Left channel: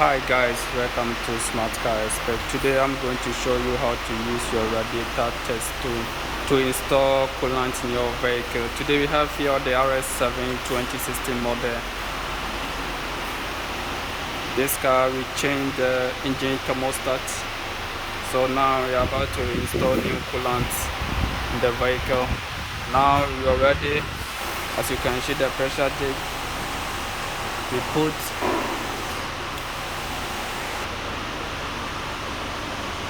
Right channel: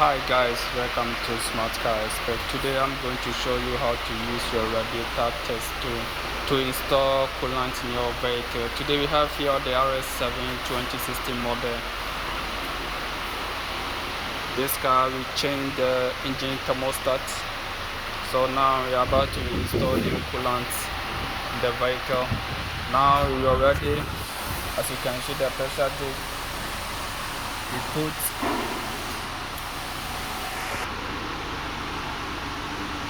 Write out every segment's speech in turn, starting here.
Hi guys, welcome to Smart Car Expert. Today I'm going to show you how to use your radiator test to install coolant in your vehicle. Today we have here the RS7 2016 model. This car will change the engine thermostat. So now we are about to install new coolant in the vehicle. Now you are ready. As you can see, the pressure gauge. We put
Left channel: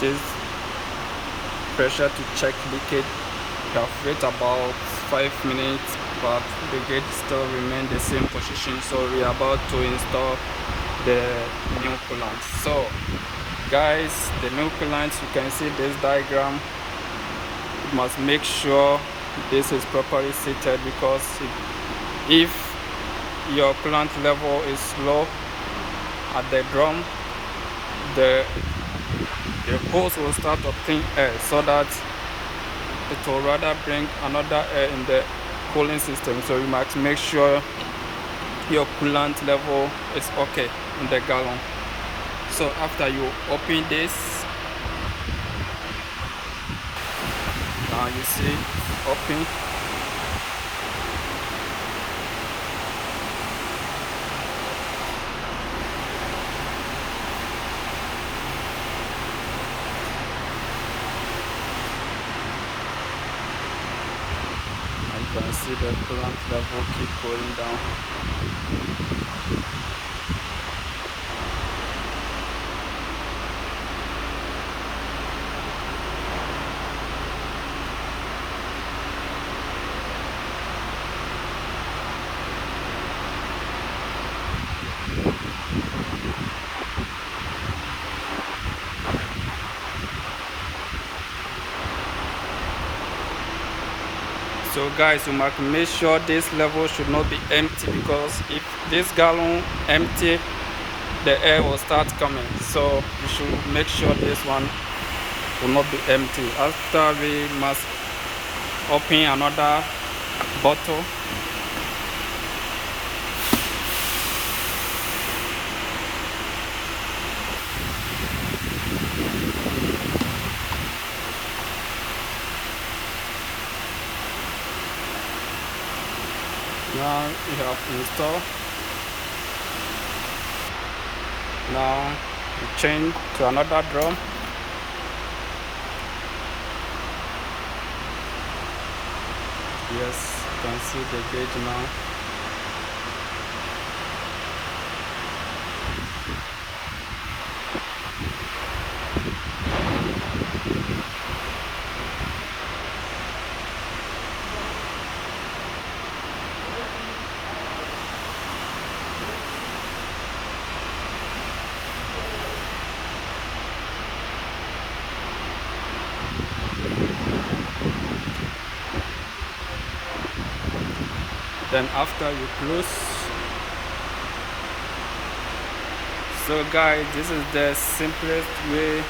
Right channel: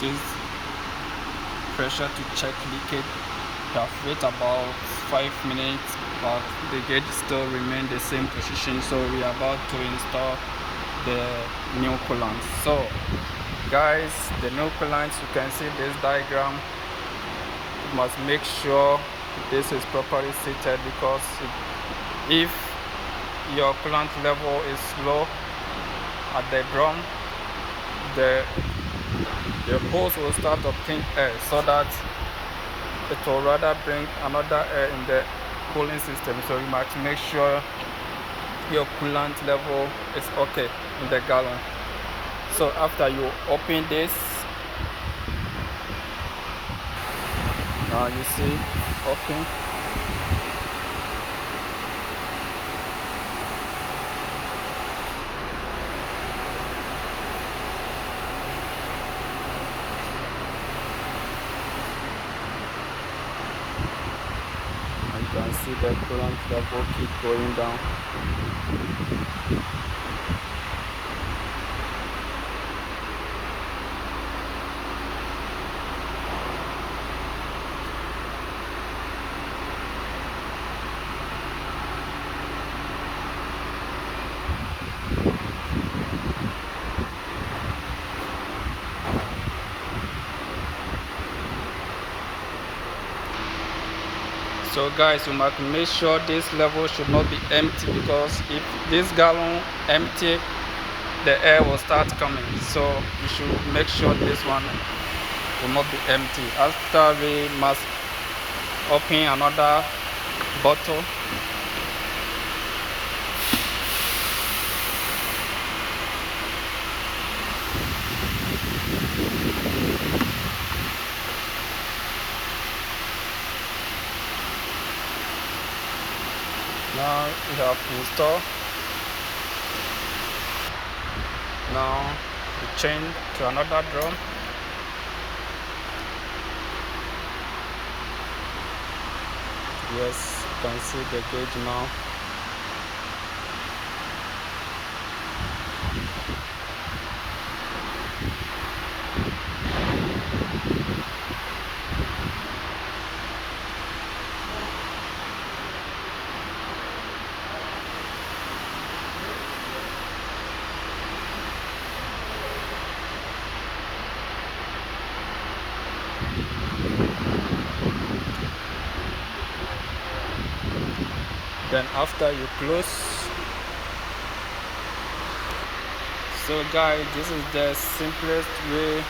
this pressure to check leakage. We have waited about 5 minutes, but the gauge still remains the same position. So we are about to install the new coolant. So guys, the new coolant, you can see this diagram. You must make sure this is properly seated, because if your coolant level is low at the drum, the hose will start obtaining air, so that it will rather bring another air in the cooling system. So you must make sure your coolant level is okay in the gallon. So after you open this, now you see open. You can see the coolant level keep going down. So guys, you must make sure this level should not be empty, because if this gallon empty, the air will start coming. So you should make sure this one will not be empty. After, we must open another bottle. Now you have installed. Now you change to another drum. Yes, you can see the gauge now. Then after you close. So guys, this is the simplest way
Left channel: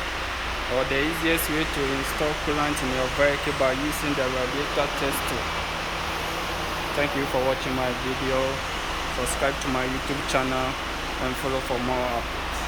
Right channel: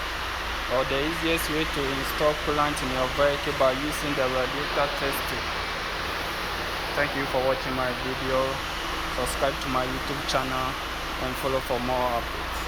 or the easiest way to install coolant in your vehicle by using the radiator test tool. Thank you for watching my video. Subscribe to my YouTube channel and follow for more updates.